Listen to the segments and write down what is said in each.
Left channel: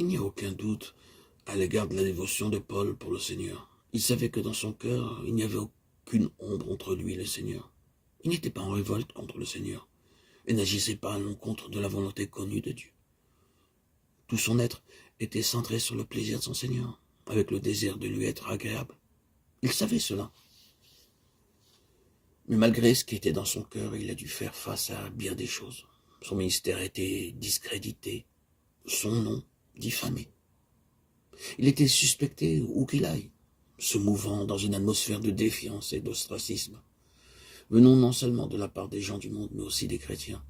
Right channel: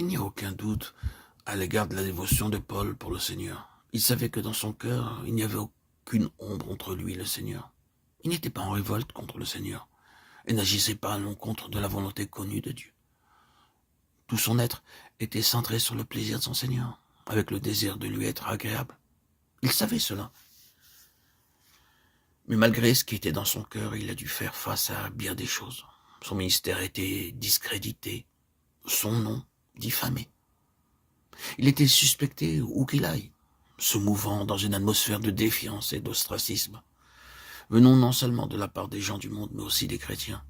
Il n'y a aucun doute à l'égard de la dévotion de Paul pour le Seigneur. Il savait que dans son cœur, il n'y avait aucune ombre entre lui et le Seigneur. Il n'était pas en révolte contre le Seigneur et n'agissait pas à l'encontre de la volonté connue de Dieu. Tout son être était centré sur le plaisir de son Seigneur, avec le désir de lui être agréable. Il savait cela. Mais malgré ce qui était dans son cœur, il a dû faire face à bien des choses. Son ministère était discrédité, son nom diffamé. Il était suspecté où qu'il aille, se mouvant dans une atmosphère de défiance et d'ostracisme, venant non seulement de la part des gens du monde, mais aussi des chrétiens.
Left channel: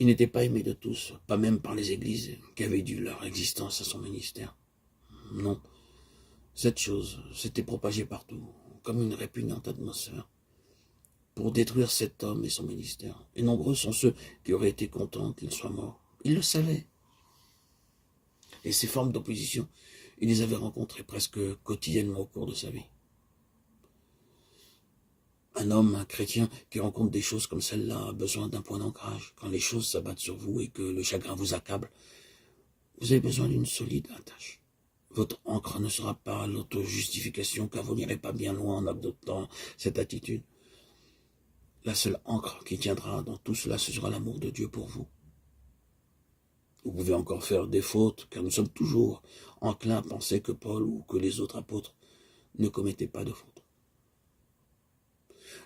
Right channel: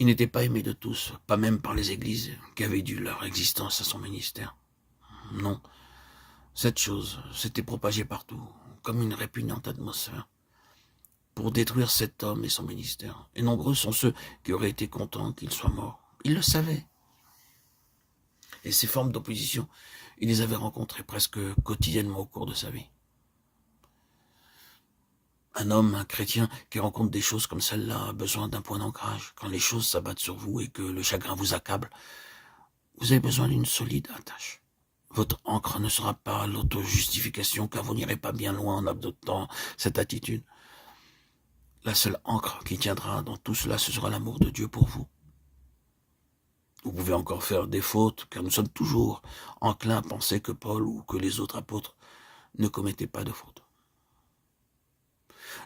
Il n'était pas aimé de tous, pas même par les églises qui avaient dû leur existence à son ministère. Non, cette chose s'était propagée partout, comme une répugnante atmosphère, pour détruire cet homme et son ministère. Et nombreux sont ceux qui auraient été contents qu'il soit mort. Il le savait. Et ces formes d'opposition, il les avait rencontrées presque quotidiennement au cours de sa vie. Un homme, un chrétien, qui rencontre des choses comme celle-là a besoin d'un point d'ancrage. Quand les choses s'abattent sur vous et que le chagrin vous accable, vous avez besoin d'une solide attache. Votre ancre ne sera pas l'auto-justification, car vous n'irez pas bien loin en adoptant cette attitude. La seule ancre qui tiendra dans tout cela, ce sera l'amour de Dieu pour vous. Vous pouvez encore faire des fautes, car nous sommes toujours enclins à penser que Paul ou que les autres apôtres ne commettaient pas de fautes.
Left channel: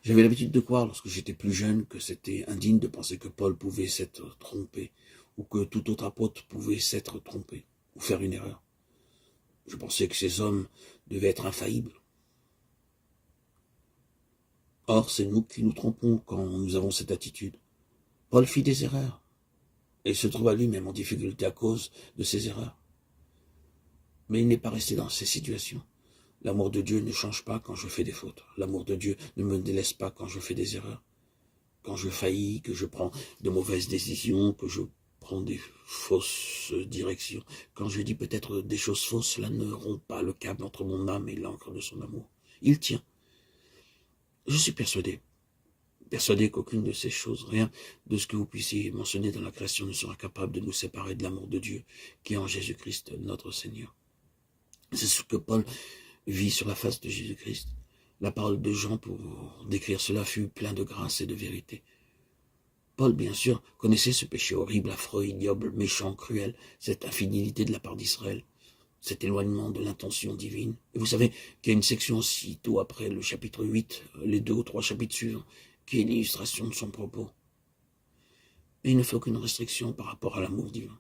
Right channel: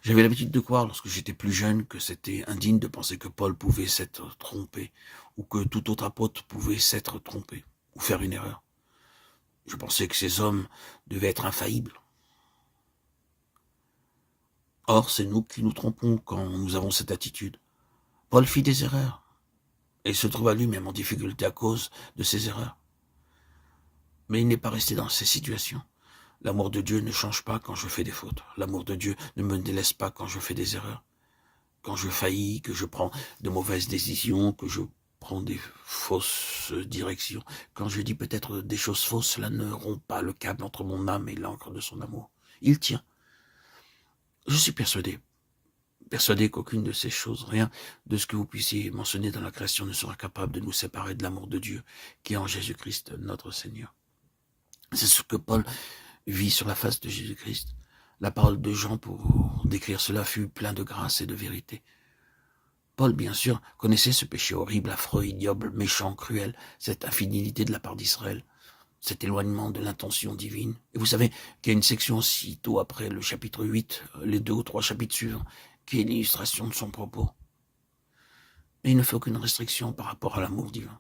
J'avais l'habitude de croire, lorsque j'étais plus jeune, que c'était indigne de penser que Paul pouvait s'être trompé, ou que tout autre apôtre pouvait s'être trompé, ou faire une erreur. Je pensais que ces hommes devaient être infaillibles. Or, c'est nous qui nous trompons quand nous avons cette attitude. Paul fit des erreurs, et se trouva lui-même en difficulté à cause de ses erreurs. Mais il n'est pas resté dans ces situations. L'amour de Dieu ne change pas quand je fais des fautes. L'amour de Dieu ne me délaisse pas quand je fais des erreurs. Quand je faillis, que je prends de mauvaises décisions, que je prends des fausses directions. Quand je dis peut-être des choses fausses, cela ne rompt pas le câble entre mon âme et l'encre de son amour. Il tient. Je suis persuadé qu'aucune de ces choses, rien de ce que vous puissiez mentionner dans la création ne sera capable de nous séparer de l'amour de Dieu qui est en Jésus-Christ, notre Seigneur. C'est ce que Paul vit sur la face de Jésus-Christ. La parole de Jean pour décrire cela fut plein de grâce et de vérité. Paul, bien sûr, connaissait ce péché horrible, affreux, ignoble, méchant, cruel, cette infidélité de la part d'Israël, cet éloignement de l'intention divine. Et vous savez qu'il y a une section aussitôt après le chapitre 8, les 2 ou 3 chapitres suivants, qui est l'illustration de son propos. Et il ne fait aucune restriction par rapport à l'amour divin.